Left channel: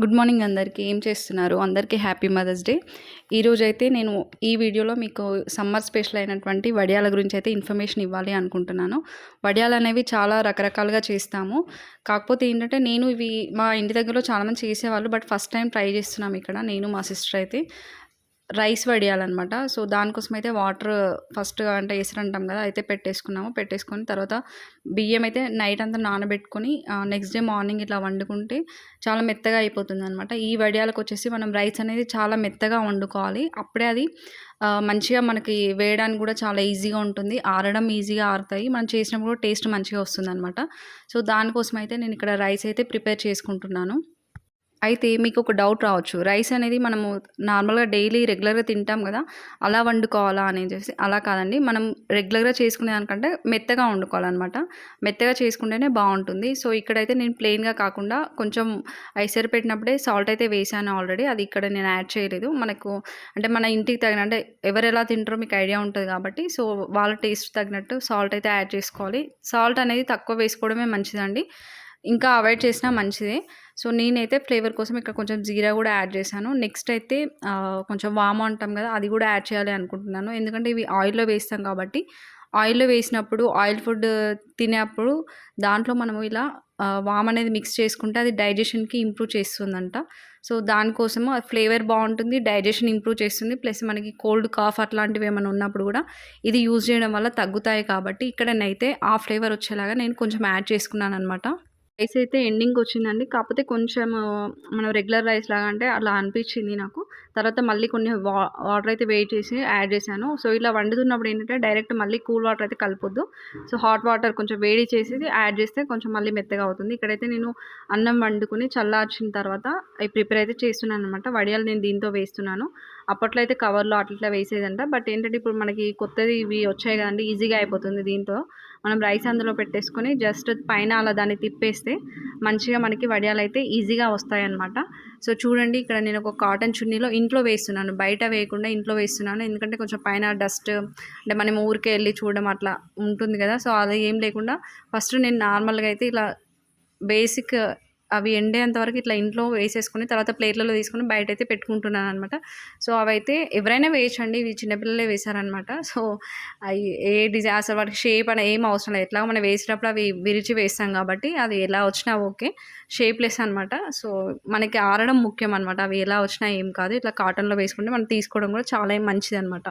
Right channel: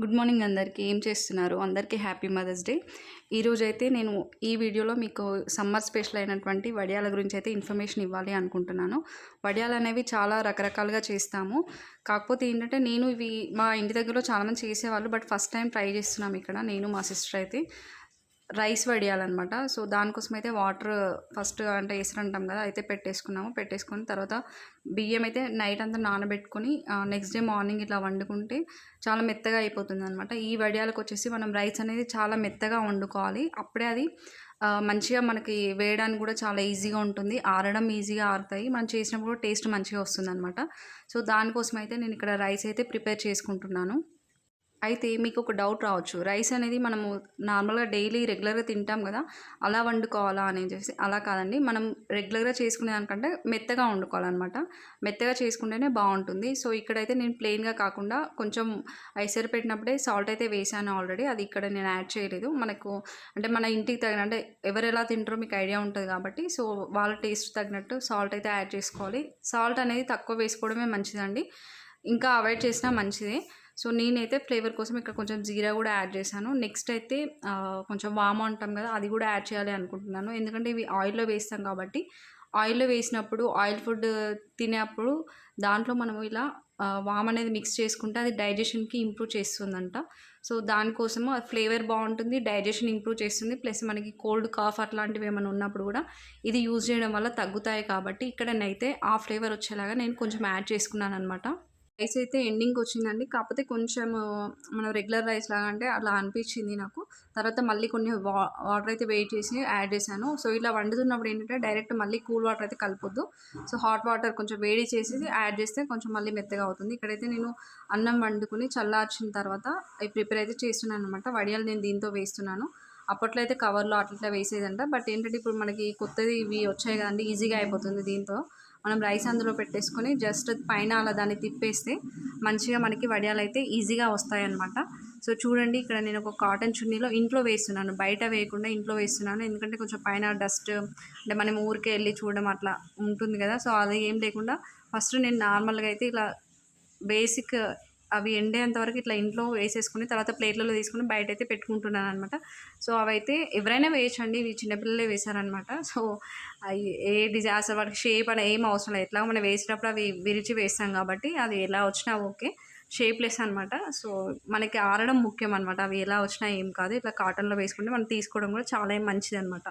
Good morning అందరికీ. ఏం చేస్తున్నారు? అందరికీ హ్యాపీ మదర్స్ డే. ఈరోజైతే నేను ఈ వీడియోలో మీకు సమ్మర్ స్పెషల్ అయినటువంటి వడియాల గురించి అయితే ఇన్ఫర్మేషన్ ఇవ్వాలి అనుకుంటున్నాను. వడియాలనేవి చాలా రకరకాలుగా చేస్తాము. కాకపోతే ఏంటంటే నేను ఇవి మా ఇంటి దగ్గరలో చాలామంది చేసేవాళ్ళు. బట్ ఫస్ట్ టైం ట్రై చేస్తున్నాం ఇక్కడ నేను మా సిస్టర్ అయితే. రైస్ వడియాలనమాట. సో, దానికోసమైతే వాటర్ ఫస్ట్ అంటే ఎసరంటాం కదా! అయితే పెట్టేసుకున్నాము. పెట్టేసుకొని తర్వాత బియ్యం అయితే నైట్ అంతా నానబెట్టుకొని నెక్స్ట్ డే మార్నింగ్ ఇట్లా వండుకుంటే చాలా మెత్తగా అయిపోతుందనమాట. ఈ వడియాలకొచ్చేసి మనం రైస్ అనేది చాలా మెత్తగా వండుకోవాలి. అప్పుడే అది మంచిగా మనకి వేయడానికి కూడా చాలా ఈజీగా ఉంటుంది. ఆరడం ఈజీగా ఆరుతాయి. మనం చేసినప్పుడు కూడా టేస్ట్ మంచిగా వస్తుందనమాట. సో, దానికోసమైతే నేను ఇక్కడ రైస్ అయితే ప్రిపేర్ చేసుకుంటున్నాను. అయితే మీకొక డౌట్ రావచ్చు. రైస్ అనేది మనము నార్మల్‌గా డైలీ రెగ్యులర్‌గా తింటాం గదా! అలా వండుకోవాలా అనేసేసి. అలా కాదండి. మనం రెగ్యులర్‌గా చేసుకునే దానికంటే మెత్తగా వండుకోవాలనమాట. మెత్తగా చేసుకుంటేనే బావుంటుంది. సో, ఇక్కడైతే నేను ప్లెయిన్‌గా కాకుండా కొంచెం ఎసరు పెట్టినప్పుడే సాల్ట్ అయితే వేశాను ఆల్రెడీ. అది ఇక్కడ నేను యాడ్ చేయలేదు. మనకు అంటే మన ఇంటికి తగిన అంటే ఎవరెలా తింటారో మీకు ఐడియా ఉంటది కాబట్టి, సో, వాళ్ళ టేస్ట్ తగినట్టు సాల్ట్ అయితే యాడ్ చేసుకోవాలి. సాల్ట్ అనేది తక్కువ వేసుకోవడమే మంచిదండి. ఇంకా అవాయిడ్ చేసినా మంచిదే. సో, నేనైతే ఫ్లేవర్ కోసం ఇక్కడ కొంచెం జీరా గూడా యాడ్ చేశాను. నెక్స్ట్ అయితే కొంచెం వాము అంటాం గదా! అది గూడా యాడ్ చేయాలి అనుకుంటున్నాను. ఎందుకంటే ఇవి ఆయిల్‌లో వేస్తాం కాబట్టి, ఆయిల్‌లో వేసినప్పుడు ఆయిల్ ఫుడ్ తినేప్పుడు దాంట్లో మనము ఇలా వామనేది మిక్స్ చేసుకుంటే అది డైజెషన్‌కి ఇంప్రూవ్ చేస్తుందంట. సో, దానికోసము ఆ ఫ్లేవర్ బావుంటుంది. డైజెషన్ ఇంప్రూవ్ చేస్తుంది. ప్లస్ మనకి కోల్డ్, కాఫ్ అట్లాంటివి ఏమన్నా ఉన్నప్పుడు గూడా ఇది యూజ్ చేయడం వల్ల తగ్గుతాయి కాబట్టి, ఇక్కడనైతే ఆ ఫ్లేవర్ వచ్చేలాగా నేను కొంచెం యాడ్ చేసుకున్నాననమాట. రైస్ అయితే ఎండింగ్‌కొచ్చిందండి. కాకపోతే కొంచెం మనం రెగ్యులర్ రైస్ లాగా అంటే అలా అనిపిచ్చింది నాకు. తర్వాత మళ్ళీ కొన్ని వాటర్ అయితే వేడి చేసి యాడ్ చేశాను. సో, ఇలా వండుతున్నప్పుడు ఏంటంటే డైరెక్ట్ మళ్ళీ కూల్ వాటర్ అయితే కలపొద్దు. సో, హాట్ వాటర్ కొంచెం వేడి చేసేది యాడ్ చేస్తే కొంచెం మళ్ళీ మెత్తగా అవుతుంది. ఇక్కడైతే నేను అన్నం వండుకొని చల్లార్చిన తర్వాత అయి ప్రిపేర్ అయితే చేస్తున్నాననమాట. వడియాలు నేను దీంతో వేస్తున్నాను. అప్పట్లో అయితే కవర్‌లో అట్లా వేసేదంట. బట్ ఏంటంటే ఇప్పుడు మనకి కొత్తది ఇవి వచ్చాయి కదండీ! ఈజీగా అయిపోతుంది దీంతో. మనం రైస్ అందులో పెట్టేసుకొని జస్ట్ పైన అలా దాన్ని తిప్పేస్తే మంచిగా మనకి వడియాలైతే ఈజీగా వస్తాయన్నమాట. సో, చూడండి ఇక్కడ నేను ఒక కాటన్ చున్నీలో ఇంట్లో వేస్తున్నాను. బయట వేయకుండా ఇంట్లో వేస్తున్నాను. ఎందుకంటే కొంచెం పైన డస్ట్ అంటే మనం ఊరికే ఎళ్లి చూడడం అట్లా ఉంటుంది కదా! సో, అది ఏం లేకుండా ఫస్ట్ నేను నార్మల్‌గా అయితే ఇలా బేసిక్ అవి ఎండేంత వరకు ఇట్లా ఇంట్లో వేసేసుకొని తర్వాత ప్లేట్లలో తీసుకొని బయటైతే పెట్టుకుంటున్నాననమాట. సో, అవైతే ఎవరైనా వేయొచ్చండి. ఇవి చిన్న పిల్లలే వేశారనమాట. సో, అయి ఏ అసలు వాటికి షేప్ అని ఏం అవసరం లేదు. ఎట్లాగో మనం వేసేటప్పుడు అవి విరిచి వేస్తాం కాబట్టి అది ఎలా వచ్చినా ఓకే. షేప్‌లెస్ అనమాట. సో, మనకి ఆరడం ముఖ్యం అనమాట. అవి ఎలా వచ్చినా ఏం కాదు. ఇట్లా కాటన్‌లో వేసుకుంటే మనం తీసుకోవడం కూడా చాలా మంచిదనమాట.